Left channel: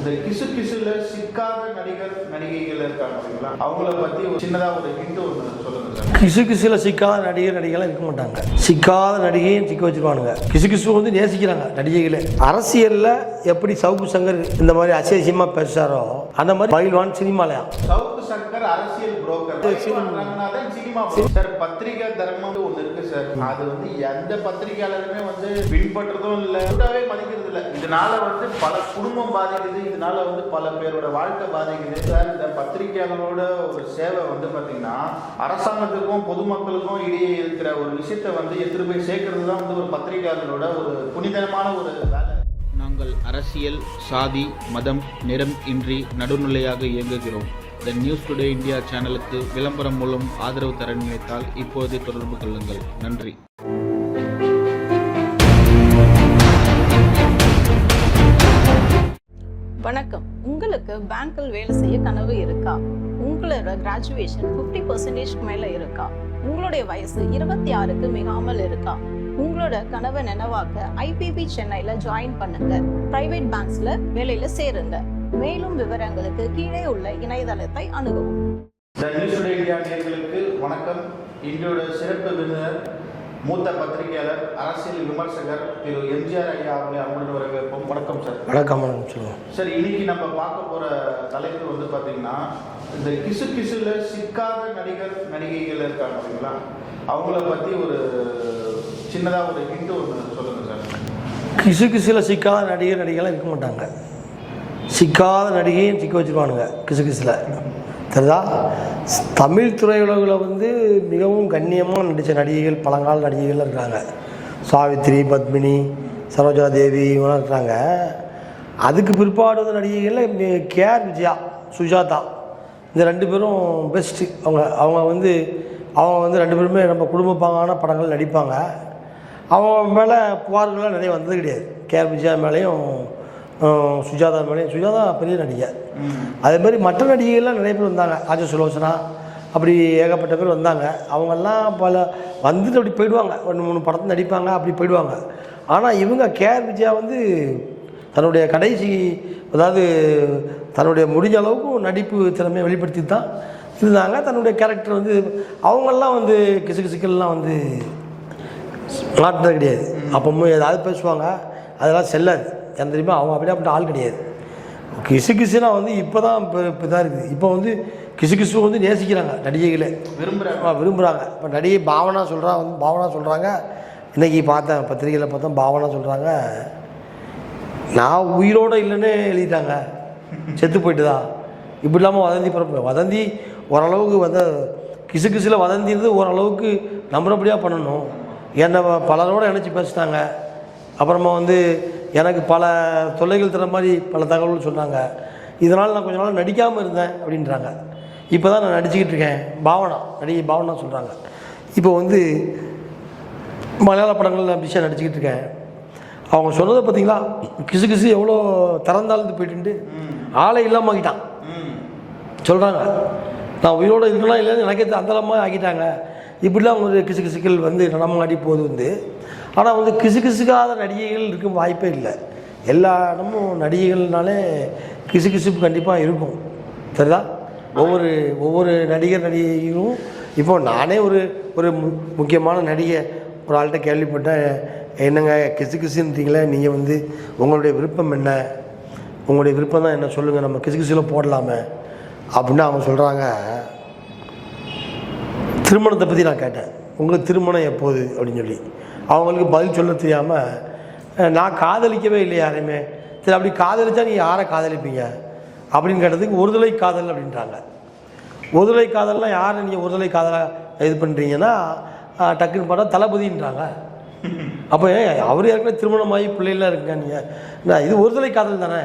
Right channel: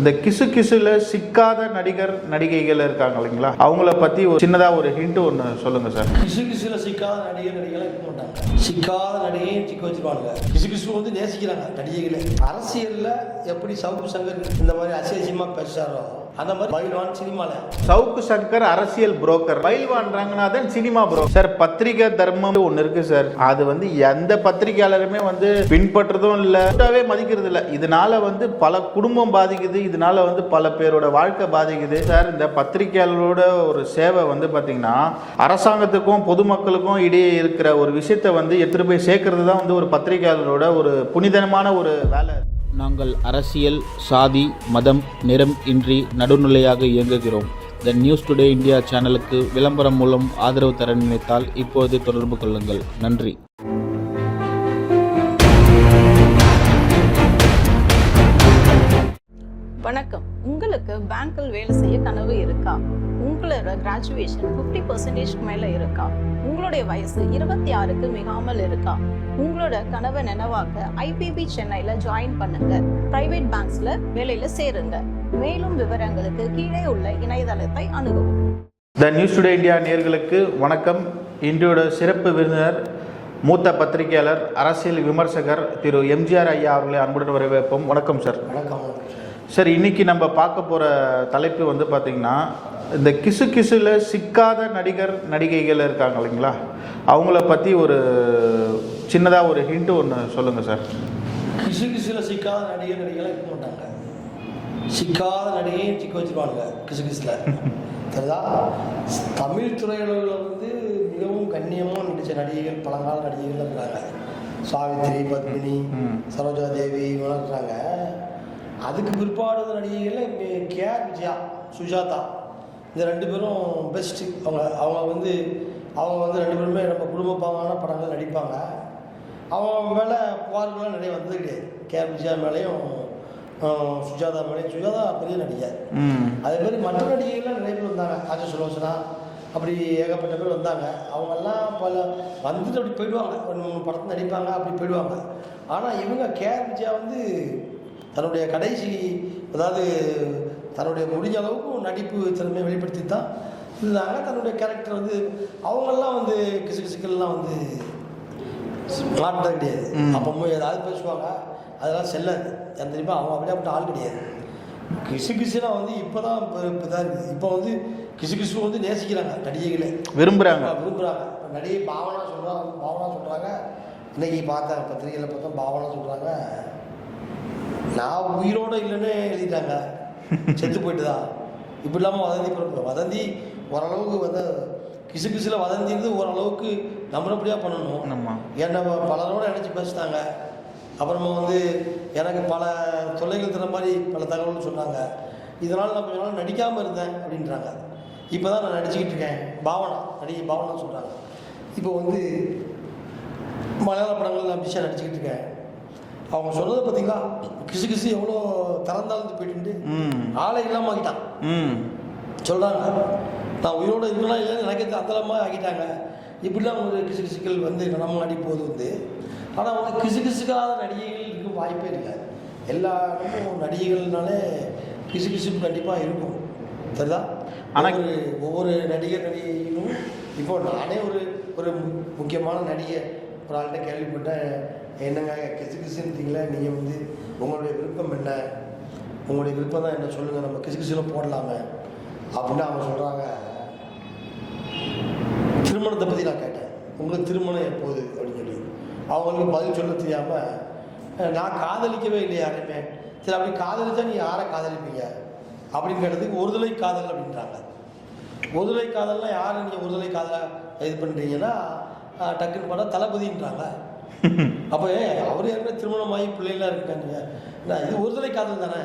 இந்த கிசு கிசுல சிக்காத நடிகர் நடிகைகள் இருக்காங்க இல்லைங்களா? அவங்கள பத்தி ஒரு சின்னதா ஒரு ஹிண்ட் ஒன்று சொல்லுங்க சார். கிசு கிசுல சிக்காத நடிகர் நடிகைலாம் இருக்க மாட்டாங்க. சிக்காத நடிகையும் சிக்க வச்சிருவானுங்க. கிசு கிசு வந்து நேசிக்கிறாங்க நடிகைகளை. அரசியல்ல எப்படி சவுக்கு சங்கர் இந்த மாதிரி அசியசியமா பேசுறாரோ அந்த மாதிரி பயில்வான் சினிமாலயா? சவுக்கு சங்கர் அரசியல் broker Bayilvan Ranganathan cinema bro sir பத்திரிகை தர்மம் ஒன்று இருக்கு சார். அது வந்து எந்த பத்திரிகையாளருமே வந்து பின்பற்றதும் இல்லை மதிக்கிறது இல்லை இதனால வந்து பல குடும்பம் பாதிக்குது இதனால் வந்து பல பேரோட வாழ்க்கை பாதிக்குது. சார் இந்த பத்திரிகையாளரோட ஒரு சேவை வந்து பார்த்தீங்கன்னா அரசாங்கத்துக்கும் பொதுமக்களுக்கும் இடையே இருக்கிற ஒரு விஷயத்தை வந்து எடுத்துகிட்டு போய் சேர்க்கறது தான் வந்து ஒரு பத்திரிகையாளரோட ஒரு புனிதமான ஒரு வேலை. நாங்கள் அரசியல் சாதி மதம் நிறம் இன்றி நடுநிலையாக இயங்குகிறோம். த நியூஸ் டுடே இந்தியா சேனலுக்கு விளம்பரம் மூலம் ஆதரவு தர நினைத்தால் இப்போது தொடர்பு கொள்ளுங்கள். நன்றி. வணக்கம். உங்களுக்கு பேங்க்கில் வேலை செய்ய கனவு இருக்கா? உங்களோட கிராஜுவேஷன் ஃபிஃப்டி பர்சன்டேஜ்க்கு மேலே இருக்கா? உங்களுடைய வயசு இருபத்தி ஆறுக்கு மிகாமல் இருக்கா? உங்களோட கனவை நினைவாக்க ஐபிபி சென்னையில் ஜாயின் பண்ணுங்க. பிரைவேட் பேங்க்ஸ்ல வேலையில சேருங்க. மேலும் விவரங்களுக்கு கீழே உள்ள இணையதளத்தை அணுகவும். த நியூஸ் டுடே இந்தியா நேர்களுக்கு வணக்கம். இன்றையோட சிறப்பு விருந்தினர் மூத்த பத்திரிகையாளர் அரசியல் விமர்சகர் திரு எம்ஜிஆர் ஐயா அவர்களை அன்புடன் வரவேற்போம். வணக்கம் சார். வணக்கம் சார் இன்னைக்கு நம்ம பார்க்க போகிற தலைப்பு வந்து பார்த்திங்கன்னா இந்த கிசு கிசுல சிக்காத நடிகர் நடிகைகள் இருக்காங்க இல்லைங்களா? அவங்கள பற்றி ஒரு சின்னதாக ஒரு ஹிண்ட் ஒன்று சொல்லுங்கள் சார். கிசு கிசுல சிக்காத நடிகர் நடிகைலாம் இருக்க மாட்டாங்க. சிக்காத நடிகையும் சிக்க வச்சிருவானுங்க கிசு கிசுல. தெரியுதா தமிழ் திரையுலகில் வந்து மிகவும் கண்ணியமாக நடித்த நடிகைகள் பழங்கால நடிகைகள் இருக்காங்க. சாவித்ரி பத்மினி சரோஜா தேவி இவங்களாம் இருக்கிறாங்க அதுக்கு பிற்பாடு வந்த நடிகைகளில் கேஆர் விஜயா சுஜாதா. இந்த ரெண்டு பேரும் பெஸ்ட்டு அவங்க அவங்க வந்து அவங்க வந்து ரெண்டு பேருமே நம்ம குடும்ப பாங்கான படங்கள் நடிப்பாங்க. அவங்க மேலே புகார்கள்லாம் நிறைய வந்தது கிடையாது. கேஆர் விஜயா மேலேயும் சுஜாதா மேலேயும் சுஜாதா பெரிய நடிகை அதே மாதிரி மற்ற நடிகைகள்லாம் நிறைய பேர் வந்தாங்க. ஆஜ சுலோசனா அப்படி ஏகப்பட்ட பேர் வந்தாங்க. அவங்கெல்லாம் பல வந்துட்டு அப்படி போயிடுவாங்க. ஒன்று மூணு படத்தில் நடிப்பாங்க அப்படி போயிடுவாங்க. ஆனால் இவங்க கேஆர் விஜயா வந்து தன்னுடைய கடைசி அதாவது தன்னுடைய முடிஞ்ச அளவுக்கு நடிப்பு திறமையை வெளிப்படுத்தி தான் இருந்தாங்க. தன்னுடைய கேரக்டர் வந்து அவங்கெல்லாம் வந்து கிசு கிசுக்கெல்லாம் வந்து மாட்டினது கிடையாது. அப்பவும் ஏதாவது பேசுவாங்க. அதெல்லாம் செல்லாது. எனக்கு தெரியுமா? அவங்க அப்படியே அப்படி ஆள் கிடையாது. கிசு கிசுனா வந்து இப்போ தான் இப்போ இப்போ தான் இருக்குது. இப்போ வந்து கிசு கிசு வந்து நேசிக்கிறாங்க நடிகைகளை. விரும்புகிறாங்க விரும்புகிறாங்க இப்போ நடிகை பாவனா சொல்கிறா வந்து பாவனா சொல்கிறாங்க இன்னைக்கு பார்த்தேன் பத்திரிகையில் பார்த்தா பாவனா சொல்கிறாங்க நான் உயிரோடு இல்லைன்னு எழுதிட்டாங்க. செத்து போயிட்டுதா? இப்படி இல்லாமல் வதந்தி பரப்பு வதந்தி ஓரளவுக்கு வந்து கிசு கிசுல வதந்தின்றது ஓரளவுக்கு நம்புறபடியாக பண்ணணும். வ- பலரோட இணைச்சி பேசிட்டாங்க அப்புறமா வந்து எனக்கு பல தொல்லைகள் தர மாதிரி பல தகவல்கள் சொன்னாங்க இதனால் நான் கொஞ்ச நாள் நடிக்காமல் இருந்தேன் அப்படின்றாங்க. இப்போ தான் நான் நடிச்சுக்கிட்டு இருக்கேன். பாவனா நடிகை பாவனா சொல்கிறாங்க இப்போ வந்து மலையாள படங்கள் நான் பிஸியாக நடிச்சுக்கிட்டு இருக்கேன். அவங்க சொன்னதை பார்த்தீங்களா? கிசு கிசு எவ்வளோ திறந்தாழ்ந்து போயிட்டு ஆளை இல்லாமல் ஆக்கிட்டான். ம். சொல்கிறாங்க நான் உயிரோடு இருக்கலாம் இல்லைன்னு எனக்கே அந்தளமாக ஆக்கிட்டாங்க. இப்படிலாம் அவங்க கிசு கிசுக்கள் வந்து நடமாடி போகுது வந்து ஆனால் வந்து கிசு கிசுக்காத நடிகைகள் இருக்க வாய்ப்பே இல்லை. எல்லா இடமும் நடிகைகள்னாலே கிசு கிசுப்பு கண்டிப்பாக இருக்கும். சரிதா? ஒவ்வொரு ஒவ்வொரு நடிகர் நடிகைகளும் இப்போ நானே ஒரு ஒரு மு- முக்கியமான நடிகை ஒரு ஆள்கிட்ட கேள்விப்பட்டேன். என்னங்க கிசு கிசுன்றீங்களே நீங்கள் வந்து உங்களுடைய விருப்பம் என்ன? உங்களுடைய விருப்பம் தான் என்ன? சொல்லுங்கள் நம்ம கிசு கிசுல போடலாமே. அப்படின்னு அவங்க சொல்கிறாங்க திருமணத்தை பற்றி நான் கேட்டேன். உங்களுக்கு திருமணம் எப்போது? அப்படின்னு சொல்லி. அவங்களுக்கு பதில் சொல்ல தெரியாமல் நான் காதலிக்கவே இல்லை யாரையுமே. சரி அப்படி காதலிச்சா நீங்கள் யாரை காதலிப்பீங்க? அப்படின்னு கேட்டதுக்கு ஒருதலை காதல் அப்படின்றாங்க. ஒருதலை காதல்லாம் யாரை நீங்கள் ஒருதலை காதலாக இது பண்ணுறீங்கன்னா டக்குன்னு பார்த்தா தளபதின்றாங்க. அப்போ அவர் ஏற்கனவே திருமணமாகி பிள்ளைகள்லாம் இருக்குங்க நீங்கள் இது ஒருதலை காதல் தானே?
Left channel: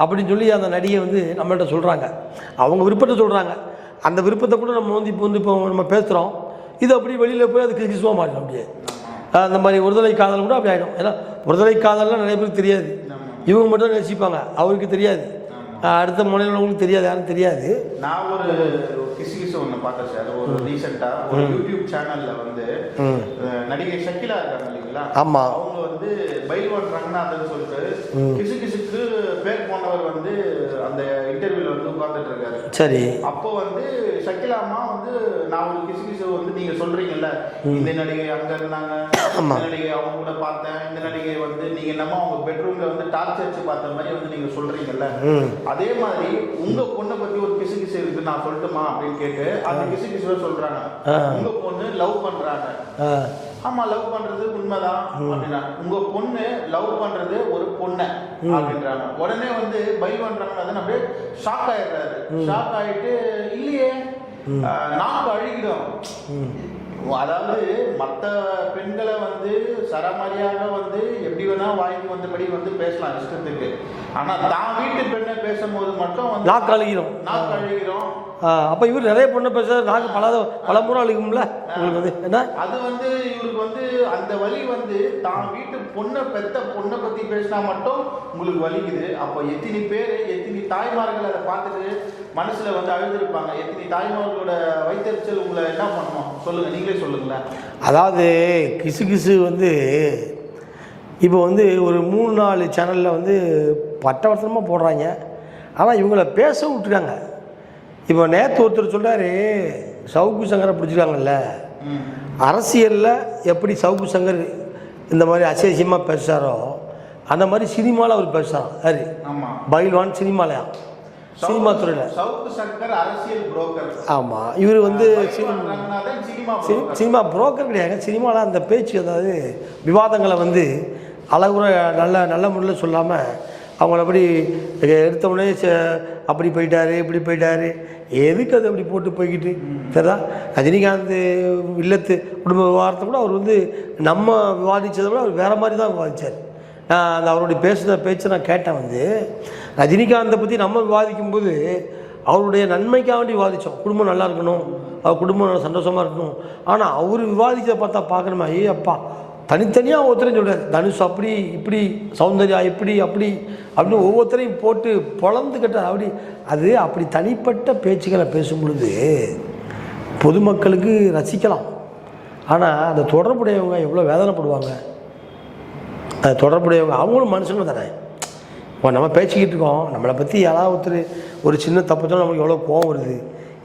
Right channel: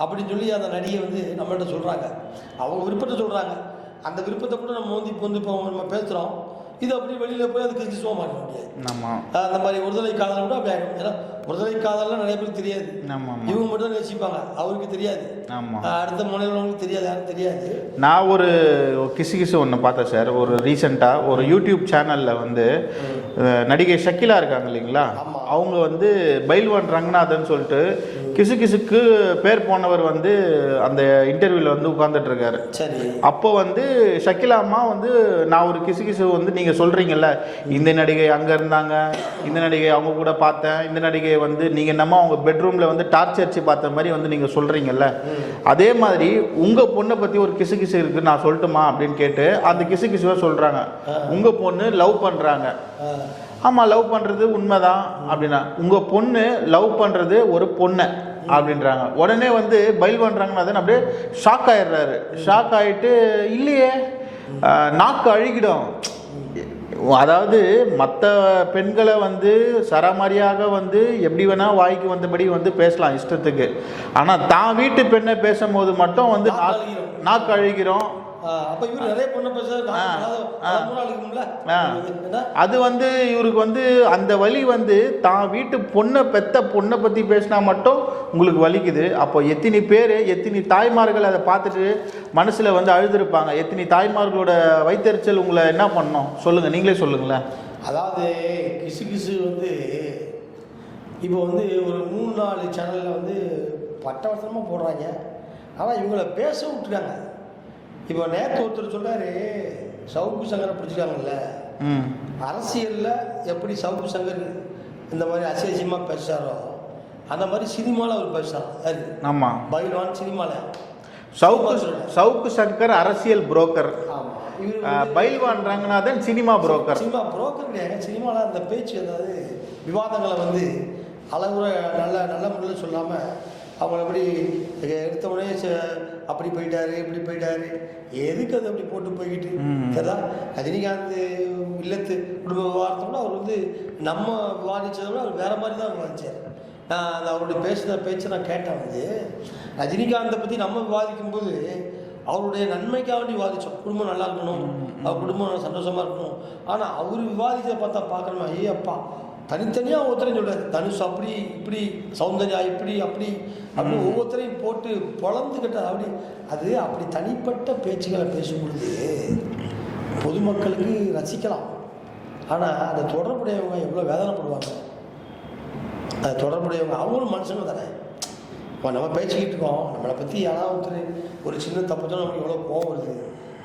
அப்படின்னு சொல்லி அந்த நடிகை வந்து நம்மகிட்ட சொல்கிறாங்க அவங்க விருப்பத்தை சொல்கிறாங்க அந்த விருப்பத்தை கூட நம்ம வந்து இப்போ வந்து இப்போ நம்ம பேசுகிறோம் இது அப்படியே வெளியில் போய் அது கிசுவாக மாறிட முடியாது ஆமாம் அந்த மாதிரி ஒருதலை காதல் கூட அப்படி ஆகிடும் ஏன்னா புறதலை காதல்லாம் நிறைய பேருக்கு தெரியாது. இவங்க மட்டும் நேசிப்பாங்க. அவருக்கு தெரியாது. அடுத்த மாநிலங்களுக்கு தெரியாது யாரும் தெரியாது. நான் ஒரு கிசு கிசு ஒன்று பார்த்தேன் சார் ஒரு ரீசெண்டாக ஒரு யூடியூப் சேனலில் வந்து நடிகை ஷக்கிலா இருக்காங்க இல்லைங்களா? ஆமா. அவங்க வந்து பைல்வான் ரங்கநாதன் சொல்லிட்டு கிசு கிசுக்கு பேர் போனவர் வந்து அந்த இன்டர்வியூவில் வந்து உட்கார்ந்துட்டு இருக்காரு. சரி. அப்போ வந்து ஷக்கிலா அம்மா வந்து நான் ஒரு கிசு கிசு வந்து நீங்க சொல்றீங்கல்ல இந்த நடிகை அங்க இருந்தாங்க இந்த நடிகை அவங்க கூட பார்த்தேன் இந்த நடிகை வந்து நீங்க என்னமோ அவங்க பெட்ரூம்ல வந்து டார்ச் அடிச்சு பார்த்த மாதிரி வந்து நீங்க சொல்றீங்கல்ல. அதே மாதிரி உங்க பொண்ணை பத்தி ஒரு கிசு கிசு இருக்கு நான் சொல்லட்டுமா அப்படின்னு கேட்டு அந்த கிசு கிசுவை சொல்றாங்க உங்க பொண்ணு லவ் பண்றாங்க. ஆமா லவ் பண்றது உண்மைதான் அப்படின்னா உங்க பொண்ணு லவ் பண்றது ஒரு பொண்ணை அப்படின்றாங்க. உடனே வந்து பயில் பண்றாங்கன்னா அப்படியே ஷாக் ஆயிடுறாரு. ஷாக் ஆயிட்டு இல்லையே நாக்கு அழுகிடும். அதாவது மற்ற பெண்களை வந்து சராமரியாக வந்து எப்படி வேணா வாய்க்கு வந்தபடி வந்து பேசலாம் இஷ்டத்துக்கு ஆனா தான் வீட்டு பெண்ணை பேசும்போது மட்டும் வந்து நாக்கு அழுகிரும். நாக்கு அழுகிறோம் அப்ப இவர் நிறைய பொண்ணு பேச நாக்கு பல பல முறை அழுகும்ல அது வந்து இவருக்கு வந்து அந்த வலி வந்து தான் வீட்டு பொண்ணை பெத்த பொண்ணை பத்தி பேசினா மட்டும் உங்களுக்கு வலிக்குது. அப்போ எத்தனை பேர் எத்தனை தாய்மார்கள் அதை பார்த்துட்டு மனசுல வந்து அழுதுருப்பாங்க. எத்தனை தாய்மார்களோட வைத்தறிச்சல் உங்களை என்ன பண்ணணும் சொல்லுங்க நீங்களே சொல்லுங்களேன். அதாவது கிசு கிசு வந்து இப்போ வந்து ஒரு மூணு நாலு சேனலில் வந்து பட்டவர்த்தனமாக போடுறாங்க. ஆனால் இவங்கள பேச விட்டுருக்காங்க இப்போ நேற்று ஒருத்தர் சொல்றாரு சவுக்கு சங்கரை பிடிச்சிருக்காங்கல்ல. அரசியலில் எப்படி சவுக்கு சங்கர் இந்த மாதிரி அசியசியமாக பேசுகிறாரோ அந்த மாதிரி சினிமாவில் அவர் பேசுகிறார் யாரு? ஆமா. பயில்வான் சினிமாலையா? சினிமா சவுக்கு துறையில். சவுக்கு சங்கர் அரசியல் புரோக்கர் ஆமாம் இவர் வந்து சினிமா புரோக்கர் சினிமா புரோக்கர் கிடையாது. சினிமாவில் அந்த பேச்சு அதாவது விவாதங்களை வந்து அழகுற நல்ல நல்ல முறையில் சொல்லாமல் அவங்கள அப்படி எடுத்த உடனே ச- அப்படி போயிட்டாரு இப்படி போயிட்டாரு. எதுக்கு அது அப்படி போட்டு போய்கிட்டு? சரிதா? ரஜினிகாந்த் இல்லத்து குடும்ப விவகாரத்தை கூட அவர் வந்து நம்ம விவாதிச்சதை விட அவர் வேற மாதிரி தான் விவாதிச்சார். நான் அந்த அவருடைய பேசுகிற பேச்சை நான் கேட்டேன் வந்து ரஜினிகாந்தை பற்றி நம்ம விவாதிக்கும்போது அவருடைய நன்மைக்காக வேண்டி விவாதித்தோம் குடும்பம் நல்லா இருக்கணும். அவர் குடும்பம் நல்லா சந்தோஷமாக இருக்கணும். ஆனால் அவர் விவாதிச்சதை பார்த்தா பார்க்கணுமா? ஏ அப்பா. தனித்தனியாக ஒவ்வொருத்தரையும் சொல்கிறார் தனுஷ் அப்படி இப்படி சௌந்தர்யா இப்படி அப்படி அப்படின்னு ஒவ்வொருத்தரையும் போட்டு பொழந்துக்கிட்ட அப்படி அது அப்படி தனிப்பட்ட பேச்சுகளை பேசும் பொழுது பொதுமக்களுக்கு ரசிக்கலாம். ஆனால் அந்த தொடர்புடையவங்க எவ்வளோ வேதனைப்படுவாங்க. அது தொடர்புடையவங்க அவங்களும் மனுஷங்க தானே. இப்போ நம்ம பேசிக்கிட்டு இருக்கோம். நம்மளை பற்றி யாராவது ஒருத்தர் ஒரு சின்ன தப்பு தான் நமக்கு எவ்வளோ கோவம் வருது.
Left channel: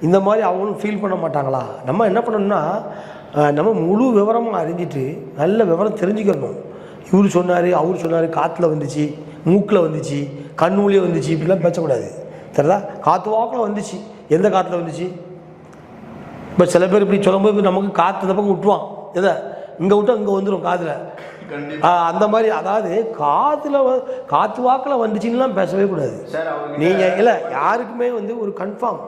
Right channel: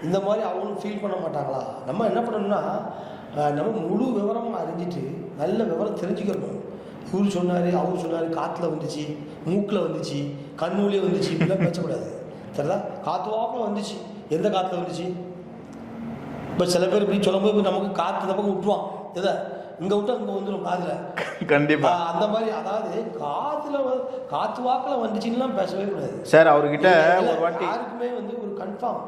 இந்த மாதிரி அவங்களும் ஃபீல் பண்ண மாட்டாங்களா? நம்ம என்ன பண்ணணும்னா நம்ம முழு விவரமாக அறிஞ்சிட்டு நல்ல விவரம் தெரிஞ்சுக்கணும். இவர் சொன்னார் அவர் சொன்னார் காற்றுல வந்துச்சு மூக்கில் வந்துச்சு கண்ணூலியே வந்துச்சு இப்படிலாம் பேசக்கூடாது. தெரியுதா? காற்று வாக்கில் வந்துச்சு. எந்த காற்றுல வந்துச்சு? இப்போ சில பேர் இப்படி சொல்லும்போது நமக்கு காற்று பக்கம் விட்டுருவான் எதை? இங்கே விட்டா இங்கே வந்துடும் காதில். கண்டிப்பா. ஆ, அந்த மாதிரி அதாவது வ- காத்து வாக்கில் வந்துச்சுன்னுலாம் பேசவே கூடாது. சார் அவர்கிட்ட நீங்க இல்ல யாருக்குமே வந்து ஒரு கன்ஃபார்ம்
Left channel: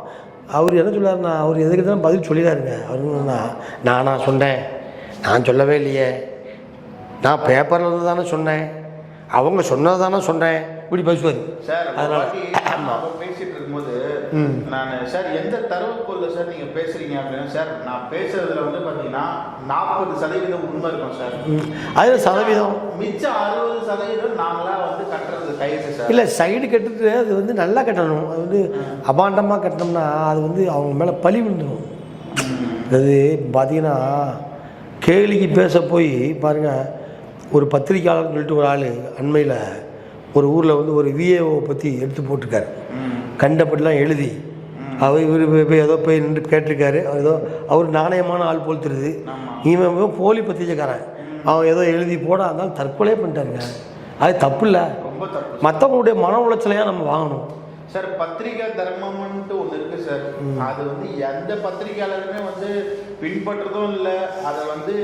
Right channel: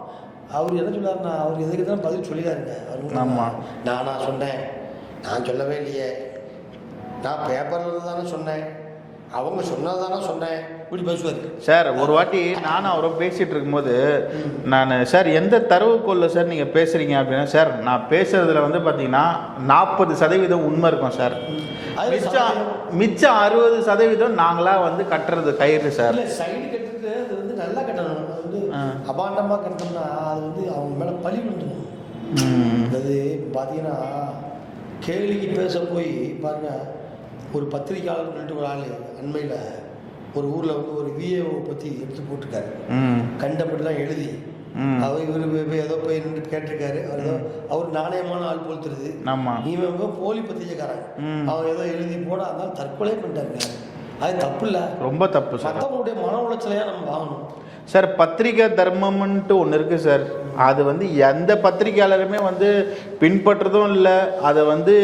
அவர் என்ன சொல்றாருன்னா அவர் எதுக்கு தான் பதில் சொல்லிடாருங்க. அவர் நான் நானா சொன்னேன். நான் சொல்லவே இல்லையே. நான் பேப்பரில் தானே சொன்னேன். அவங்க சொன்னதை தானே சொன்னேன். இப்படி பேசுவார் சார் ஒரு வாட்டி நானும் அவரும் பேசிட்டு இருக்கும்போது நான் சார் எந்த தரவுக்கோல்ல சார் நீங்க பேசுறீங்க? அப்படின்னா சார் நான் பேசுறதுல வந்து பாத்தீங்கன்னா நாற்பது சதவீதம் உண்மை இருக்கும் சார். அதில் சதவீதம்? மிச்சம் அறுபது சதவீதம் நாங்களா வந்து கட்டுறது கயிறு சார். இல்லை சைடு கட்டுட்டு அது வந்து நல்லா கட்டணும். அது வந்து அபாண்டமாக கட்டினோம்னா அது வந்து அவங்க மேலே பழி விழுந்துடும் அது பார்த்தீங்கன்னா கேலிக்கு பேச போய் பாருங்க ஒரு பத்திரிக்கையாளர்னு சொல்லிட்டு ஒரு ஆள் அண்மையில் ஒரு ஊரில் வந்து ஒரு விஏஓ பற்றி எடுத்து போட்டிருக்காரு. கண்டபடிலாம் எழுதி அவர் இவர் ஏதோ போய் நின்று கேட்டிருக்காரு. அவர் ஏதோ அவர் நாணயமான ஆள் போல் தெரியுது. இவன் போலி பத்திரிக்கைக்காரன். அவன் ஏதோ எழுதி போட அதனால தற்கொலை பண்ணிட்டாருங்க. அது தப்பு இல்லை. ரொம்ப தப்பு. மற்றவங்களுடைய மன உளைச்சலையாக நம்ம வாங்கணும். சார் பத்திரிகை தர்மம்ன்ட்டு ஒன்று இருக்கு சார். அது வந்து எந்த பத்திரிகையாளருமே வந்து பின்பற்றுறதும் இல்லை. அதை வந்து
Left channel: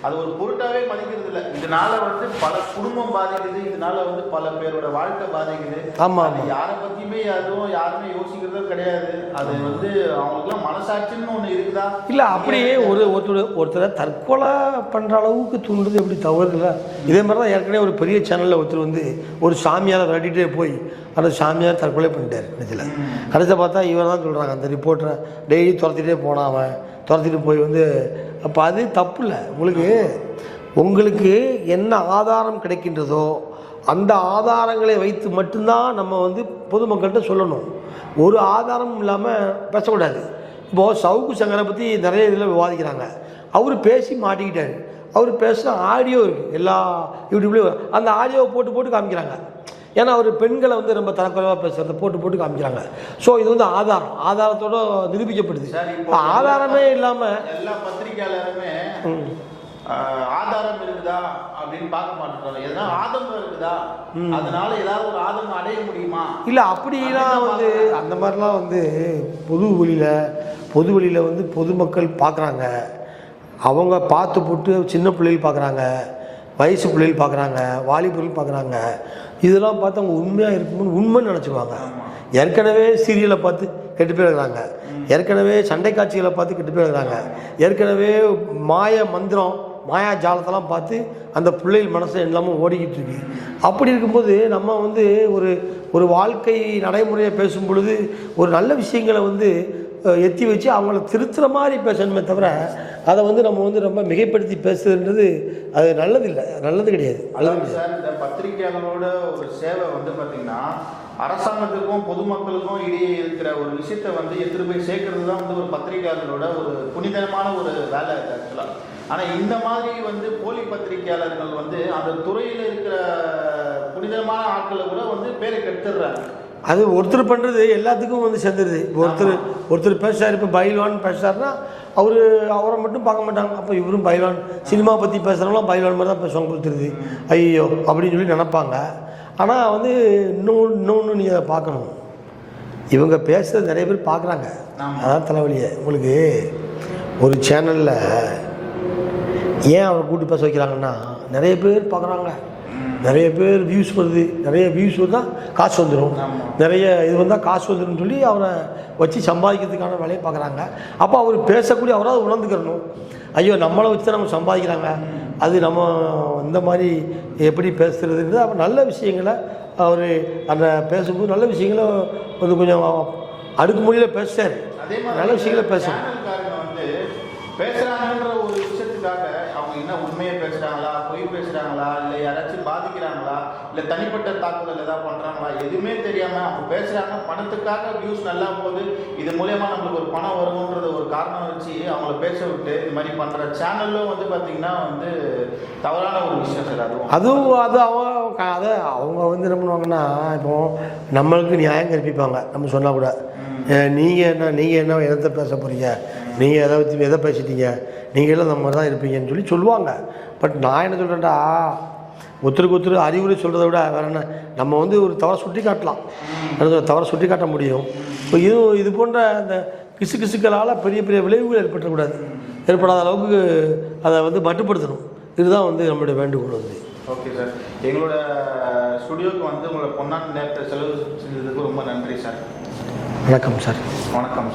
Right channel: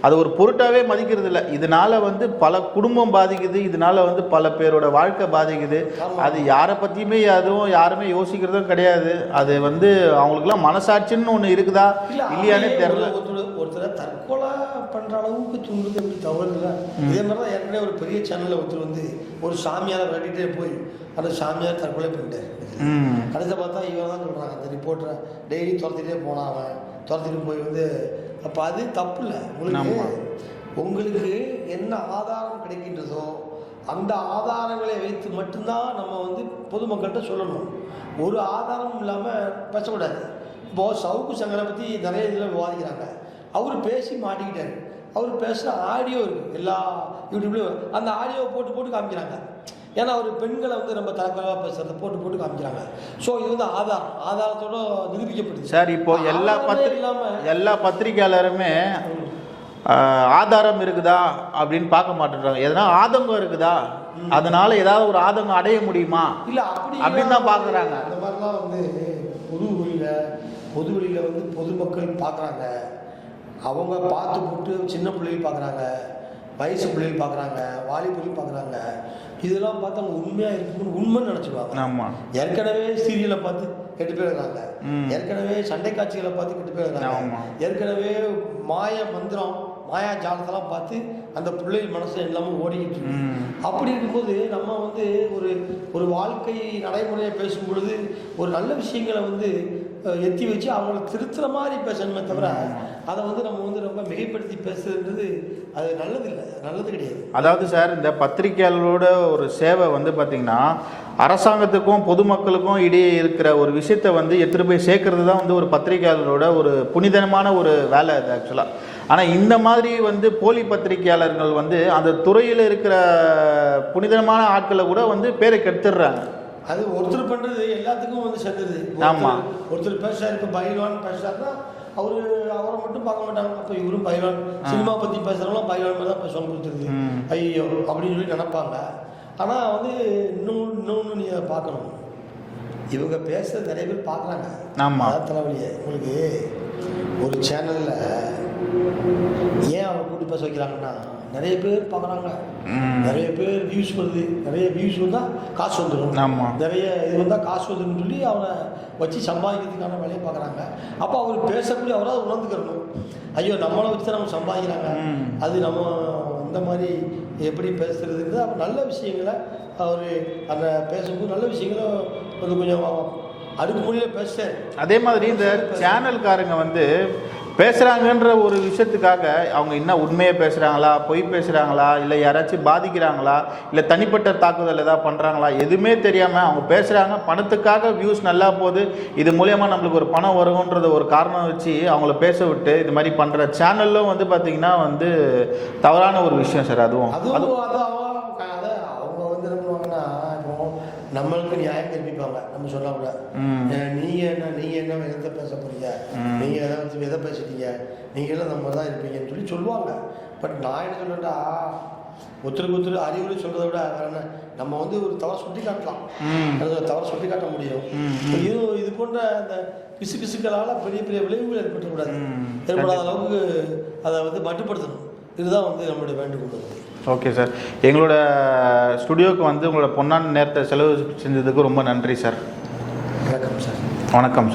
அது ஒரு பொருட்டாவே மதிக்கிறது இல்லை இதனால வந்து பல குடும்பம் பாதிக்குது. இதனால வந்து பல பேரோட வாழ்க்கை பாதிக்குது. ஆமா. அது யாரை பத்தியுமே அதுவும் யாருமே யோசிக்கிறதும் கிடையாது. அது வந்து அவங்களுக்குலாம் மனசாட்சின்னு ஒன்று இருக்குதா? இல்ல அப்படியே ஒரு. ஒருத்தர் ஒருத்தரை தற்கொலை பண்ற அளவுக்கு தூண்டுறது எப்படி தவறு இல்லை இதே மாதிரி தான் ஏற்கனவே ஒரு பெரிய சேனல்ல ஒருத்தர் வந்து ஒரு சாமியாரை விரட்டிட்டே போய் அந்த சாமியார் தற்கொலை பண்ணிட்டார் ம். கடைசியில் பார்த்தா இவர் தான் சொல்றாங்க அந்த ரிப்போர்ட்டரை டெய்லி துரத்திட்டே போனான் அவன் துரத்திட்டு போய் வந்து அப்போ அது தப்பு இல்லை உங்களுக்கு உங்களுக்கு என்ன ஆதாரம் கிடைக்கின்றதோ அந்த ஆதாரங்களை வைத்து மட்டும்தான் நம்ம வந்து பொதுமக்கள்கிட்ட சொல்லணும். ஒரு ஆதாரமும் இல்லாமல் பேசக்கூடாது. இப்போது சவுக்கு சங்கரை பற்றி நிறைய இதில் விவாதிக்கிறாங்க. அவர் பேசி மாட்டிக்கிட்டாரு. அவர் பேசுகிற ஆடியோ இருக்குது எல்லா யூடியூப்லேயும் அந்த ஆடியோவை போட்டு போட்டு காமிக்கிறாங்க. ஏன்னா அவர் பெண்களை வந்து ரொம்ப தரக்குறைவாக பேசுகிறத போட்டு போட்டு காமிக்கிறாங்க. ஸோ இது வந்து ஆதாரம். ஆதாரத்தோட நிரூபிக்கப்படுது. சார் இப்போ ஆதாரமே இல்லாமல் எல்லா பத்திரிக்கையாளருமே ஆஹ், ஆதாரம் இருக்குதா அப்படின்னு பார்க்க மாட்டேன்றாங்க. எதனா ஆதங்கம் இருக்குதா? அதனால ஏதாவது ஒரு ஆதங்கம் அடைய முடியுமா? இல்லை அப்படி பார்க்கறாங்க. அந்த மாதிரிலாம் வந்து பொது வெளியில் பொது வெளியில் வந்து பொதுமக்கள் பார்க்குறாங்க. அவங்க பார்த்து போட்டு சின்ன பிள்ளைகள் பார்க்குறாங்க. வயசு பிள்ளைகள் பார்க்குறாங்க. வாலிபர்கள் பார்க்குறாங்க. இதெல்லாம் பார்த்து அவங்க உண்மையாக இருக்கணும்னு உண்மைன்னு நினச்சிக்குவாங்க. ஆமா. ஏற்கனவே சீரியலை பார்த்து கெட்டு போயிருக்கிறாங்க. ஏற்கனவே சண்டை காட்சிகளை பார்த்து கெட்டு போயிருக்கிறாங்க. ஏற்கனவே மாய மந்திரம் மாயா ஜாலத்தெல்லாம் பார்த்து அந்த பிள்ளைகள் மனசில் எல்லாமே ஓடிக்கிட்டு இருக்கு. அப்படி இருக்கும்போது நம்ம வந்து ஒரு ஒரு வாழ்க்கை நடைமுறையை பேசும் பொழுது ஒரு நல்ல விஷயங்களை வந்து எத்தி வச்சு அவங்கள திருத்துற மாதிரி பேசணுமே தவிர அதை வந்து நம்ம வந்து ரொம்ப மிகைப்படுத்தி பேசுறதுன்றது அது நல்லதில்லை. நல்லது கிடையாது. அதாவது சார் இந்த பத்திரிகையாளரோட ஒரு சேவை வந்து பார்த்தீங்கன்னா அரசாங்கத்துக்கும் பொதுமக்களுக்கும் இடையே இருக்கிற ஒரு விஷயத்தை வந்து எடுத்துகிட்டு போய் சேர்க்கறது தான் வந்து ஒரு பத்திரிகையாளரோட ஒரு புனிதமான ஒரு வேலை அது ஆக்சுவலாக ஆனால் இந்த மாதிரி வந்து போலி பத்திரிகையாளர்கள் வந்து அந்த துறையில் இருக்கிற புனிதமான ஆட்களை கூட வந்து பேரை கெடுத்துடுறாங்க. அது ஒருத்தர் பண்ணுறது எல்லாத்துக்கும் வந்து சேர்ந்துருது. ஒருத்தர் ஒருத்தர் பேசுறாரு இப்போ பைல்வான் பேசுறாருன்னா அவர் அவரை மட்டும் பார்க்க மாட்டாங்க. அப்போ இவரும் பைல்வான் சினிமா பற்றி பேசுகிறவங்களாம் பைல்வான் மாதிரி தான் பேசுவாங்க கொடுத்துருது ஐயோ அப்படின்னு சொல்லி நினைப்பாங்க. ஆனால் வந்து இன்னொன்று இன்னொன்று நீங்கள் அதை பார்க்கணும். இவங்க பேசுகிறது நிறைய பேர் பார்க்குறாங்க. அதான் தலைவலியே. உங்களுக்கு ஒரு சேனலில் ஏன் அவரை கூட்டு பேச வைக்கிறாங்கன்னா நிறைய பேர் பார்க்குறாங்க. நிறைய பேர் வியூஸ் வருது. நிறைய வியூஸ் வந்தால் காசு வந்துடும் ஆமா. நிறைய இது வந்தால் காசு வந்துடும் சொல்லி அவரை வச்சு சம்பாதிக்கிறதுக்கான வேலையை பார்க்குறாங்க. அப்போ அவர் பேசக்கூடிய அவராவது உணர்ந்துக்கிறணும். ஐயோ நம்மளை வச்சு தான் நம்ம சம்பாதிக்கிறாங்க. அது நம்ம இந்த மாதிரி எப்படி பேசுறதுன்றது அவர் நல்ல விஷயங்களை அவர் அந்த பேசும்போது நல்ல விஷயங்களை ஒரு கொஞ்சம் அடுக்குமொழியில் பேசுறாரு. அதே மாதிரி. சேனல்காரங்க வந்து பேசுறாங்கன்ற ஒரு விஷயத்துக்காக அவங்க என்ன உண்மையை பேசுறாங்களா பொய் பேசுறாங்களா இல்லை யாராச்சும் பாதிக்கிறாங்களா இல்லை தனிப்பட்ட தாக்குதல் ஏதாவது பண்றாங்களா எதுவுமே தெரியாம அவங்க பேசுறாங்க. பணத்துக்காக வியூஸ் நல்லா போகுது. இது மூலயமா நம்மளுக்கு ஒரு பணம் வரும்ன்றது ஒரு காரணம் வச்சு அவங்கள பேச விட்டு இது மாதிரி பண்ற சேனல்லும் வந்து பாத்தீங்கன்னா வந்து தவறான ஒரு விஷயம் சார் அதுவும். அதுவும் அது அவங்க அதை அவங்க வந்து என்ன பண்ணுவாங்கன்னா இப்போ நம்மளுக்கு நியாயம் கற்பிப்பாங்க. நம்ம சொன்னால் கூட. நீங்கள் என்ன நீங்கள் என்ன எதை பேச போகிறீங்க நீங்கள் எதை வச்சு எதை பேசிட்டீங்க? நீங்கள் எல்லாம் நம்ம தான் இருப்பீங்கன்னு சொல்லி சொல்லுவாங்க. பட் நான் என்ன சொல்கிறேன்டா ஒருத்தருக்கு ஒருத்தர் அறிவுரை சொல்கிறத விட வேற என்ன? நம்ம வந்து ஒரு தவறை சுட்டி காட்டலாம். தவறை சுட்டி காட்ட முடியும். இப்போ இது இது போன்ற அந்த கிசு கிசுக்களால் பெரிய பெரிய விளைவுகள் ஏற்பட்டுக்கூடாது ஏற்படாத அளவுக்கு அதை வந்து மட்டுப்படுத்தணும். இதுதான் வந்து நம்மளுடைய வேண்டுகோள் வந்து. ஓகே சார் எங்களோட ஸ்டுடியோக்கு வந்து உங்களோட பொன்னான நேரத்தை செலவு செஞ்சதுக்கு ரொம்ப நன்றி சார் வணக்கம் சார் வணக்கம் சார்